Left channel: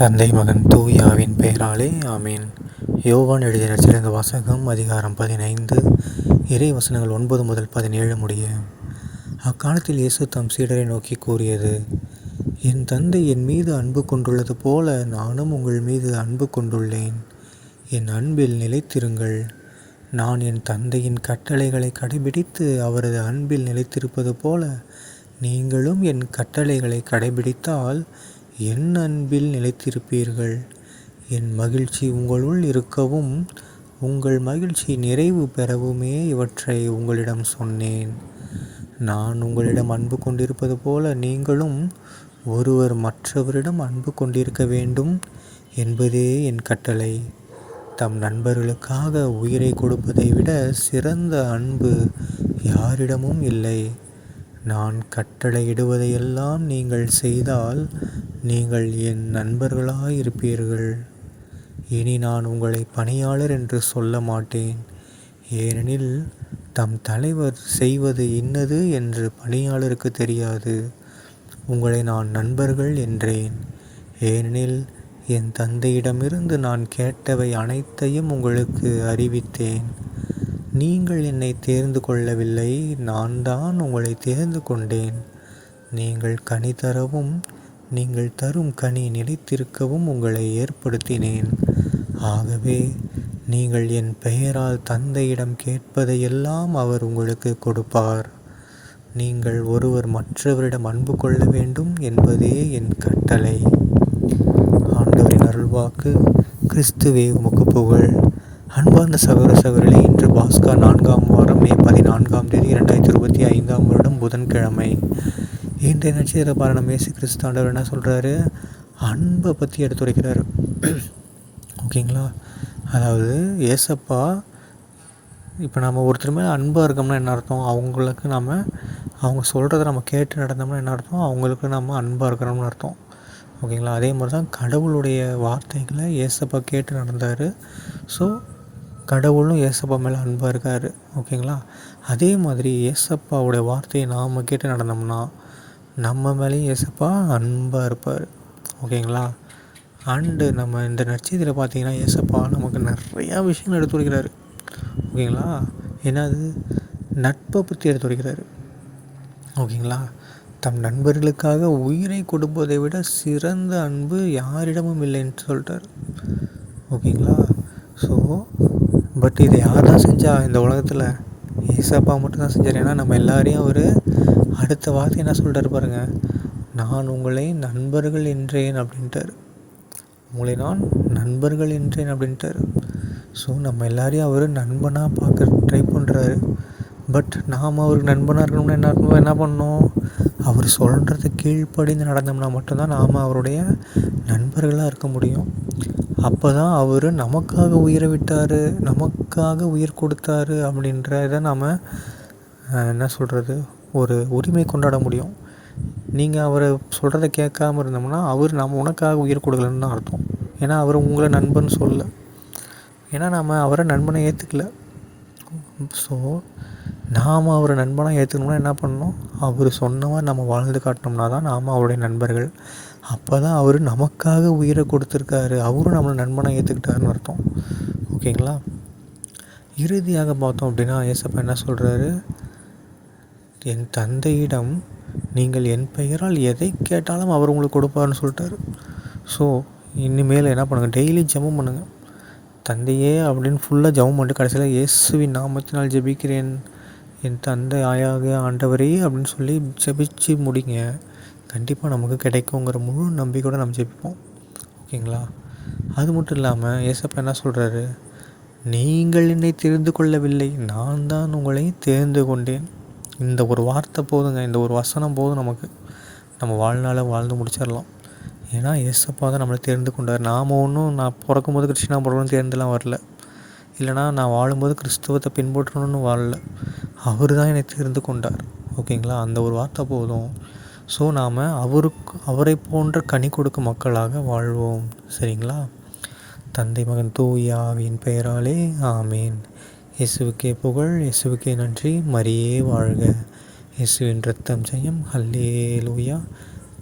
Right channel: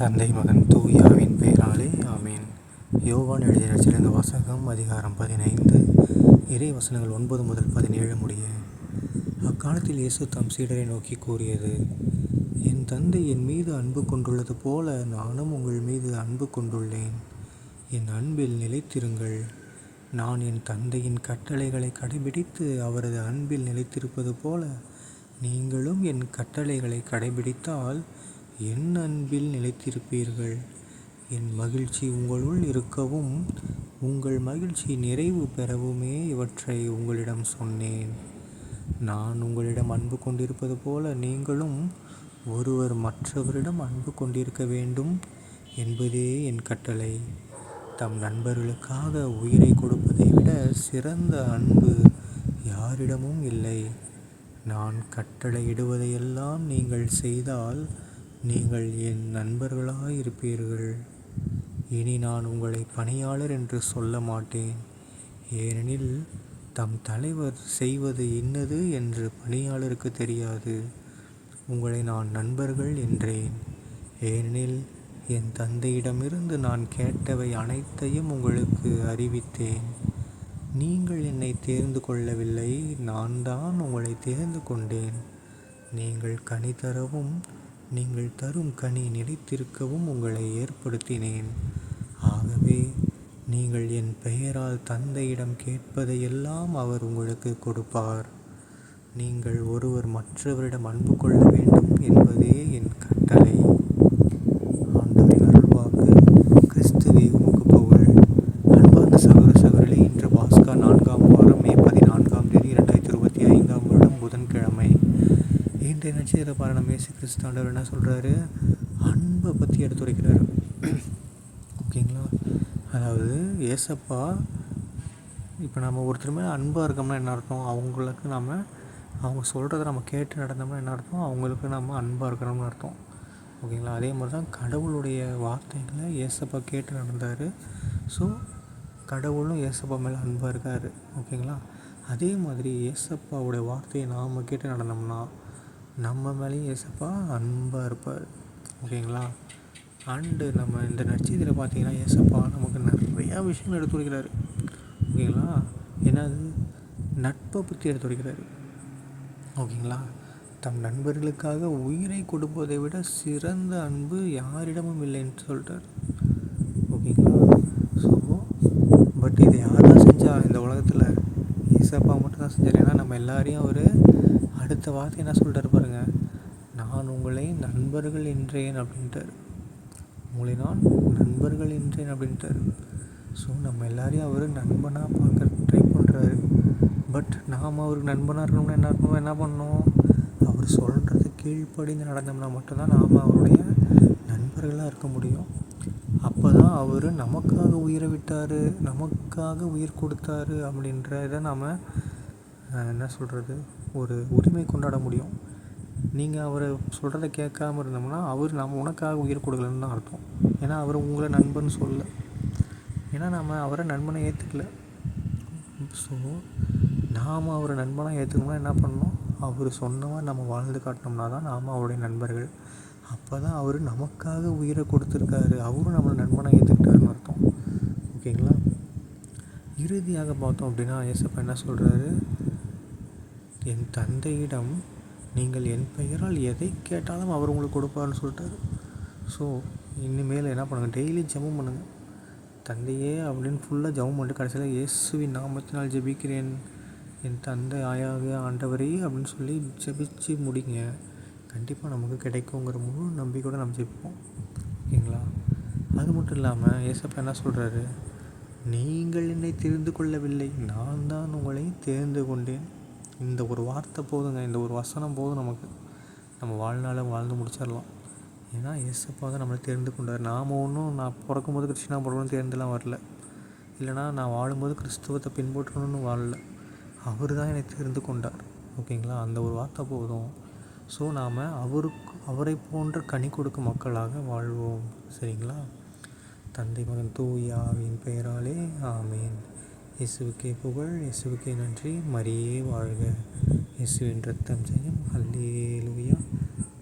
தந்தை மகன் தூய ஆவியின் பெயராலே ஆமேன். யோவான் எழுதிய நற்செய்தி வாசகம் அதிகாரம் 15 இறை வசனங்கள் 9 முதல் 17 முடிய. அக்காலத்தில் இயேசு தம் சீடரை நோக்கி கூறியது: என் தந்தை என் மீது அன்பு கொண்டுள்ளது போல நானும் உங்கள் மீது அன்பு கொண்டுள்ளேன். என் அன்பில் நிலைத்திருங்கள். நான் என் தந்தையின் கட்டளைகளை கடைபிடித்து அவரது அன்பில் நிலைத்திருப்பது போல நீங்களும் என் கட்டளைகளை கடைபிடித்தால் என் அன்பில் நிலைத்திருப்பீர்கள். என் மகிழ்ச்சி உங்களுள் இருக்கவும் உங்கள் மகிழ்ச்சி நிறைவு பெறவுமே இவற்றை உங்களிடம் சொன்னேன். நான் உங்களிடம் அன்பு கொண்டிருப்பது போல நீங்களும் ஒருவர் மற்றவரிடம் அன்பு கொண்டிருக்க வேண்டும் என்பதே என் கட்டளை. தம் நண்பர்களுக்காக உயிரை கொடுப்பதை விட சிறந்த அன்பு யாரிடமும் இல்லை. நான் கட்டளையிடுவதையெல்லாம் நீங்கள் செய்தால் நீங்கள் என் நண்பர்களாயிருப்பீர்கள். இனி நான் உங்களை பணியாளர் என்று சொல்ல மாட்டேன், ஏனெனில் தம் தலைவர் செய்வது இன்னது என்று பணியாளருக்கு தெரியாது. உங்களை நான் நண்பர்கள் என்றேன், ஏனெனில் என் தந்தையிடமிருந்து நான் கேட்டவை அனைத்தையும் உங்களுக்கு அறிவித்தேன். நீங்கள் என்னை தேர்ந்து கொள்ளவில்லை, நான் தான் உங்களை தேர்ந்து கொண்டேன். நீங்கள் கனி தரவும் நீங்கள் தரும் கனி நிலைத்திருக்கவும் உங்களை ஏற்படுத்தினேன். ஆகவே நீங்கள் என் பெயரால் தந்தையிடம் கேட்பதையெல்லாம் அவர் உங்களுக்கு கொடுப்பார். நீங்கள் ஒருவர் மற்றவரிடம் அன்பு கொள்ள வேண்டும் என்பதே என் கட்டளை. ஆண்டவரின் அருள்வாக்கு. கிறிஸ்துவே உமக்கு புகழ். அன்பார்ந்த சகோதர சகோதரிகளே, இன்று பாஸ்கா 4ஆம் வாரம் மே 14ஆம் தேதி 2025ஆம் வருடம் புதன்கிழமை. இன்றைய நட்சத்திர பாரணம் இயேசு கிறிஸ்து ஆண்டவர் என்ன சொல்கிறாரு? அன்பை பற்றி எடுத்துரைக்கிறாரு. ஓகேங்களா? அதாவது ஏசப்பா இப்போ நம்ம ஒருத்தர் மேலே அன்பாக இருக்கோம்னா என்ன அர்த்தம்? அவங்களுக்கு அவங்க சொல்கிறத நம்ம கேட்டு நடந்தோம்னா என்ன அர்த்தம்? அவங்களுக்கு நம்ம அன்பாக இருக்கிறோம்னு அர்த்தம். ஓகேங்களா? அதே மாதிரி தான் கடவுளுடைய வார்த்தைகளை ஏசப்பா கேட்டு நடந்தார். ஸோ கடவுளும் ஏசப்பா மேலே அன்பாக இருக்கார். ஓகேங்களா? அதே மாதிரி ஏசப்பாவுடைய வார்த்தையை நாம் கேட்டு நடந்தோம்னா நம்ம மேலேயும் ஏசப்பா அன்பாக இருப்பார். ஓகேங்களா? அண்டு நம்ம இந்த நற்செய்தியில் பார்த்தீங்கன்னா ஏசப்பா நமக்கு நிறையா விஷயங்கள் எடுத்து வைக்கிறாரு. ஓகேங்களா? என்னது? நட்பை பற்றி எடுத்து வைக்கிறாரு. ஓகேங்களா? தம் நண்பர்களுக்காக உயிரை கொடுப்பதை விட சிறந்த அன்பு யாரிடமும் இல்லைன்னு சொல்லிட்டார். ஓகேங்களா? ஸோ பட் இதை யார் தான் செஞ்சா இந்த உலகத்தில்? ஏசப்பா மட்டும்தான் செஞ்சார். ஏன்னா நம்ம எல்லாரையும் அவர் அடுத்த வார்த்தை என்ன சொல்லிட்டாரு பாருங்கள், நான் உங்களை நண்பர்கள் என்றேன் அப்படின்ட்டார். உங்களை நான் நண்பர்கள் என்றேன் அப்படின்ட்டார். ஸோ நம்ம எல்லாரையும் அவர் நண்பனாக பார்க்க ட்ரை பண்ணுறாரு. பட் நாம் அவருக்கு நண்பனாக இருக்கணும்னா என்ன பண்ணணும்? அவர் சொல்கிறத கீழ்ப்படிந்து நடந்தோம்னா மட்டும்தான் நாம் அவருடைய நண்பர்களாக இருக்க முடியும். அப்போ தான் அவர் நமக்காக உயிரை விட்டார், நமக்காக உயிர் கொடுத்தாரு அப்படின்றத நாம் என்ன சொல்கிறது, ஒரு உரிமை கொண்டாட முடியும். நீங்கள் அவரை சொல்கிறத கேட்காம இருந்தோம்னா அவர் உனக்காக உயிர் கொடுக்கலன்னு தான் அர்த்தம். ஏன்னா அவர் உங்களை நண்பன் சொல்ல, ஏன்னா நாம் அவரை நண்பனை ஏற்றுக்கல. ஸோ நாம் அவரை நண்பனாக ஏற்றுக்கணும்னா என்ன பண்ணணும்? அவர் சொன்னவா நம்ம வாழ்ந்து காட்டினோம்னா தான் நாம் அவருடைய நண்பர்கள். அப்போ தான் அவர் நமக்காக உயிரை கொடுத்துருக்காரு, அவரும் நம்மளை நண்பனாக ஏற்றுக்கிட்டாருன்னு அர்த்தம். ஓகேங்களா? இறுதியாக பார்த்தோம் அப்படின்னா ஏசப்பா என்ன சொல்கிறாரு? என் தந்தையிடம் நீங்கள் என் பெயரால் எதை கேட்டாலும் அவர் உங்களுக்கு கொடுப்பார்னு சொல்லிட்டாரு. ஸோ இனிமேல் என்ன பண்ணுங்கள்? டெய்லி ஜெபம் பண்ணுங்கள். தந்தையே அப்படின்னு ஃபுல்லாக ஜெபம் பண்ணிட்டு கடைசியில் இயேசுவின் நாமத்தினால் ஜெபிக்கிறேன் என் தந்தை ஆயாக ஆண்டவரே அப்படின்னு சொல்லி ஜெபிச்சு முடிங்க. கண்டிப்பாக நமக்கு கிடைக்குங்கிற முழு நம்பிக்கையோடு நம்ம ஜெபிப்போம். ஓகேங்களா? அது மட்டும் இல்லாமல் ஏசப்பா என்ன சொல்கிறாரு? நீங்கள் என்னை தெரிந்து கொள்ளவில்லை, நான் தான் உங்களை தேர்ந்து கொண்டேன். இந்த ஒரு வார்த்தை போதுங்க, இந்த ஒரு வசனம் போதும், நமக்கு நம்ம வாழ்நாளை வாழ்ந்து முடிச்சிடலாம். ஏன்னா ஏசப்பா தான் நம்மளை தேர்ந்து கொண்டார். நான் பிறக்கும்போது கிறிஸ்டினாக பிறக்கணும்னு தேர்ந்தெல்லாம் வரல, இல்லைனா நான் வாழும்போது கிறிஸ்துவத்தை பின்பற்றணும்னு வாழல. அவர் தான் என்னை தேர்ந்து கொண்டார். ஓகேங்களா? அந்த ஒரு வார்த்தை போதும். ஸோ நாம் அவரை போன்ற கனி கொடுக்கும் மக்களாக வாழ்வோம். சரிங்களா? தந்தை மகன் தூய ஆவியின் பெயராலே ஆமேன். இயேசுவுக்கே புகழ், இயேசுவுக்கே நன்றி, மரியே வாழ்க. இயேசுவின் இரத்தம் ஜெயம். அல்லேலூயா.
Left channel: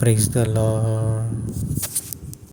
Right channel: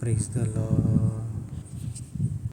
Praise the Lord.